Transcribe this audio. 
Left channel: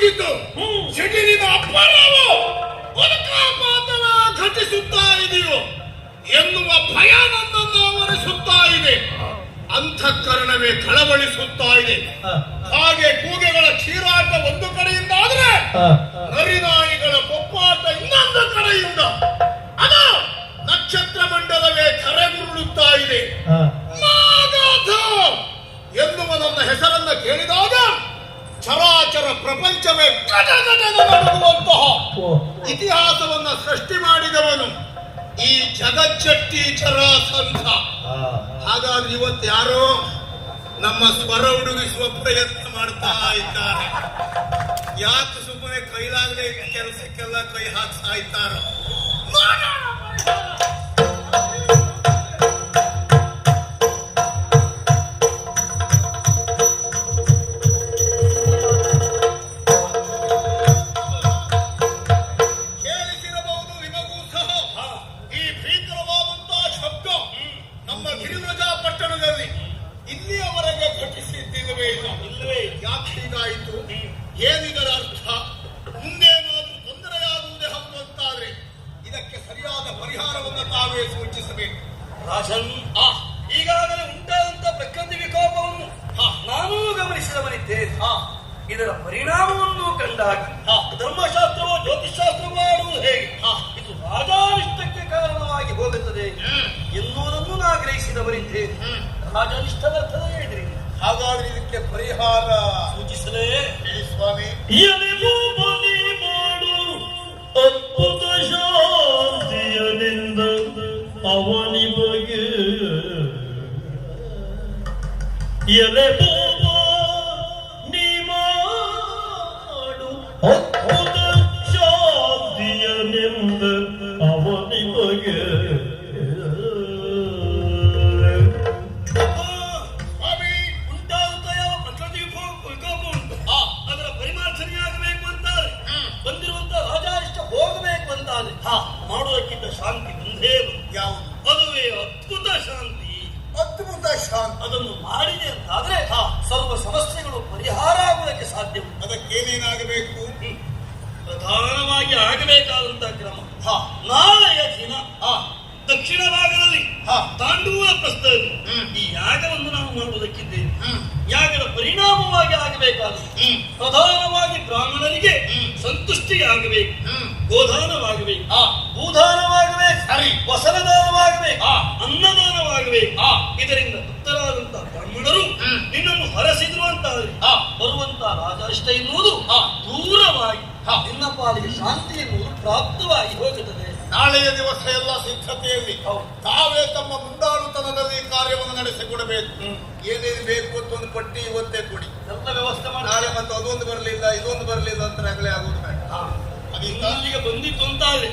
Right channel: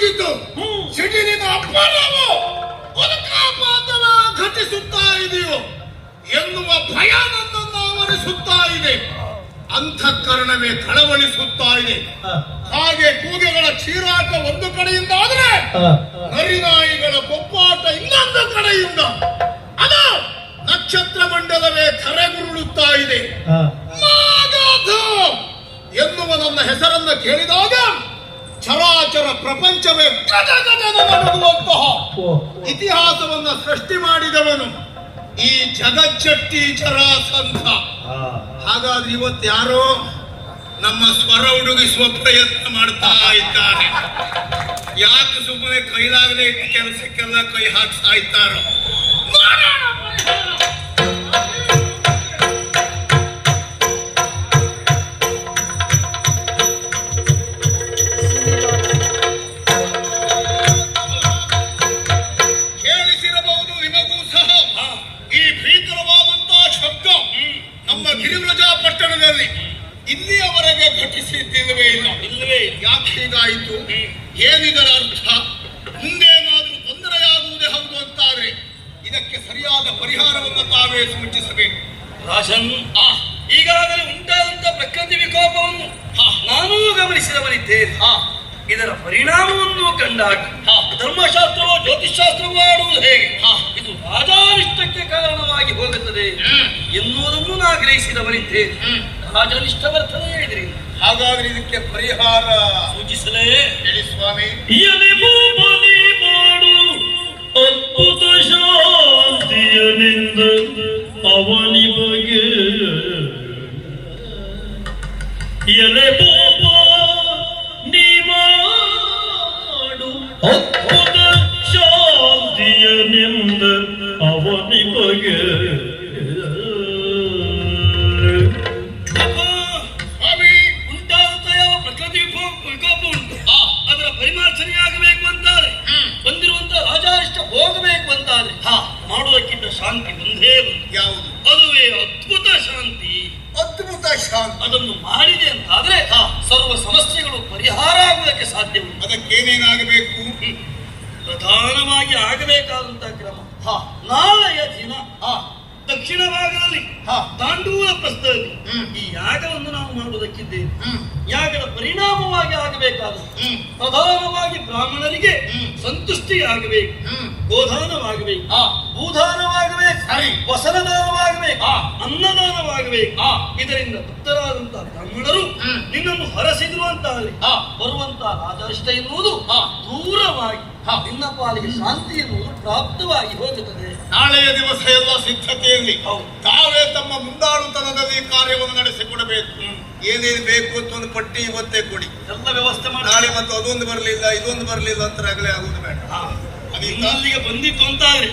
ಮುಗಿತು. ಸಿಟಿನಿಂದ ಅಪ್ಪರಾವು ಪರಕಾಪಾತನ ಘಟಿಸುತ್ತಾ ಇದೆಯೋ ಎನ್ನುವ ಭಯ ನನ್ನನ್ನು ಆವರಿಸುತ್ತಾ ಇದೆ. ಅಂತಃಕರಣವೇ ಕಳವಳಿಸುತ್ತಾ ಇದೆ. ಹಾಗೆ ಕೂಗೆಗಳ ಚೀರಾಟ ಒಂದು ಕಡೆಯಿಂದ ಆದರೆ ನರಿನಾಯಿಗಳ ಕೊಪ್ಪಾಟ ಇನ್ನೊಂದು ಕಡೆಯಿಂದ ಅದ ನಕ್ಷತ್ರ ಮಂಡಲವೇ ಕರೆಗುರುಳುತ್ತಾ ಇದೆ. ನಾಗಾಧ ಎನ್ನುವ ನನ್ನ ಹೆಸರನ್ನು ಕೇಳಿದಾಗ ಚರಾಚರ ಪ್ರಪಂಚವೇ ನಡುಗುವಂತಹ ಇತಿಹಾಸವನ್ನು ಸೃಷ್ಟಿ ಮಾಡಿದವನು ಈ ಜಗಜ್ಜಟ್ಟಿ ಜರಾಸಂಧ. ಹಾಗಾದ್ರೆ ಇವತ್ತು ಯಾರೋ ನಮ್ಮ ಸ್ವರ ಹುಡುಗಿಸುವ ಪ್ರಯತ್ನ ಮಾಡ್ತಾ ಇದ್ದಾರೆ. ಯಾಕೆ ಸುಮ್ಮನೆ ಕೈಲಾಗದೆ ಕೆಲಸಕ್ಕೆಲ್ಲ ಕೈ ಹಾಕ್ತಾ ಇದ್ದಾರೋ. ಕೇಳಿಸಿರಬಹುದು ನಿಮಗೂ ಸಹ ಈ ಭೀಕರವಾದಂತಹ ಶಬ್ದ ನಮ್ಮ ಗಿರಿವ್ರಜ ಪಟ್ಟಣದಲ್ಲಿ ಇಲ್ಲಿಯವರೆಗೆ ಘಟಿಸಿದ್ದಿಲ್ಲವೇ ಇಲ್ಲ. ಇಲ್ಲವೇ ಯಾಕೆ ಹೀಗಾಯಿತು? ಏನಿದರ ಅರ್ಥ? ಮುಂದೇನಾದರೂ ತೊಂದರೆಯಾಗುವುದೇ ಹೌದು ಅಂತಾರೆ. ಇದಕ್ಕೆ ಸರಿಯಾದ ಪರಿಹಾರವನ್ನು ತಾವೇ ಸೂಚಿಸಬೇಕು. ರಾಜನ್, ಈಗಾಗಲೇ ಉಂಟಾದಂತ ಪ್ರಕೃತಿ ವಿಕೋಪವನ್ನು ನಾನೂ ಗಮನಿಸಿದವನಿದ್ದೇನೆ. ಇದರ ಪರಿಣಾಮವನ್ನು ಕಂಡಾಗ ಧರ್ಮಶಾಸ್ತ್ರವೋ ಜ್ಯೋತಿಷಾಸ್ತ್ರವೋ ಆಡುವುದು ಹೇಗೆ, ಇದು ರಾಜಾನಿಷ್ಟಕ್ಕೆ ಕಾರಣವಾಗಿ ಹೋಗುತ್ತದೆ ಎನ್ನುವುದನ್ನು ನಾ ಗ್ರಹಿಸಿದವನಿದ್ದೇನೆ. ರಾಜನಿಷ್ಠ ಬರ್ತದೆ ಇದ್ರಿ. ಹಾಗಾದ್ರೆ ಇದಕ್ಕೆ ಪರಿಹಾರ ಸೂಚಿಸಲೇ ಹೇಳಿ ಸ್ವಾಮಿ. ಅದ್ಭುತ ಶಾಂತಿಯನಿಂದ ಅವನಿ ಬಗೆ ಎಲೆ ಬೋಬ ನೀ ಮಾಡು ಅದ್ಭುತ ಶಾಂತಿಯನಿಂದ ಅವನಿ ಬಗೆ. ಮಾಡುವುದಕ್ಕಿಂತ ಶಾಂತಿ ಒಂದೇ ಯಾವುದು? ಅದುವೇ ಅದ್ಭುತ ಶಾಂತಿ. ಅದ್ಭುತ ಶಾಂತಿ ಅದನ್ನು ಮಾಡಿದೆ ಅಂತಾದ್ರೆ ಸರ್ವ ಸಮಸ್ಯೆಗಳು ಪರಿಹಾರ ಆಗುವುದಕ್ಕೆ ಸಾಧ್ಯವಿಲ್ಲ. ಅದಕ್ಕೇನೇನಾಗಬೇಕು? ಪ್ರಧಾನವಾಗಿ ಆಗಬೇಕಾದಂತಹ ಕ್ರಮ ನಾಳೆಯ ದಿನ ದಕ್ಷಿಣ ಭಾಗದಲ್ಲಿ ತಾಂಡೂಲ ಪ್ರಸ್ಥದಲ್ಲಿ ಈ ಯಾಗವನ್ನು ನಾವು ಮಾಡುವುದಕ್ಕಿದ್ದೇವೆ. ಯಾಗದ ಪರಿಣಾಮವಾಗಿ ಆಗಬೇಕಾದ ಪ್ರಧಾನವಾಗಿ ಬ್ರಾಹ್ಮಣರಿಗೆ ಸಂತುಷ್ಟಿಯಾಗಬೇಕು, ಗೋದಾನವಾಗಬೇಕು, ಭೂದಾನವಾಗಬೇಕು, ವಸನದಾನವಾಗಬೇಕು, ಅನ್ನದಾನವಾಗಬೇಕು. ಇದರಿಂದ ತೃಪ್ತರಾದಂತಹ ಬ್ರಾಹ್ಮಣರು ನಿನ್ನನ್ನು ಹರಸಿದ್ರು ಅಂತಾದ್ರೆ ಬರುವಂತಹ ರಾಜರಿಷ್ಟ ಎನ್ನುವುದು ದೂರವಾಗಿ ನಿನ್ನ ಪಾಲಿಗೆ ಶಾಂತಿ ಎನ್ನುವುದು ಪ್ರಾಪ್ತವಾಗಿ ಹೋಗುತ್ತದೆ. ನಾಳೆಯ ದಿವಸ ಎಲ್ಲ ಸಿದ್ಧತೆಯಲ್ಲಿ ತಾವೇ ತಮ್ಮ ಮುಂದಾಳುತನದಲ್ಲಿ ಕಾರ್ಯವನ್ನು ನಡೆಸಿಕೊಡಬೇಕು. ಏನೇನು ಬೇಕು ಅಂತ ಒಂದು ಪಟ್ಟಿ ಇವತ್ತೇ ಕೊಡಿ, ಎಲ್ಲ ವ್ಯವಸ್ಥೆ ಮಾಡಿ. ನಾಳೆ ಮತ್ತು ಅದೊಂದು ಬರಲಿಲ್ಲ ಇದೊಂದು ಬರಲಿಲ್ಲ ಅಂತ ಆಗಲೇ ಆಗುವುದು ಬೇಡ. ಅಲ್ಲಿಗೆ ಬಂದಿತ್ತು ಅಂತಾದ್ರೆ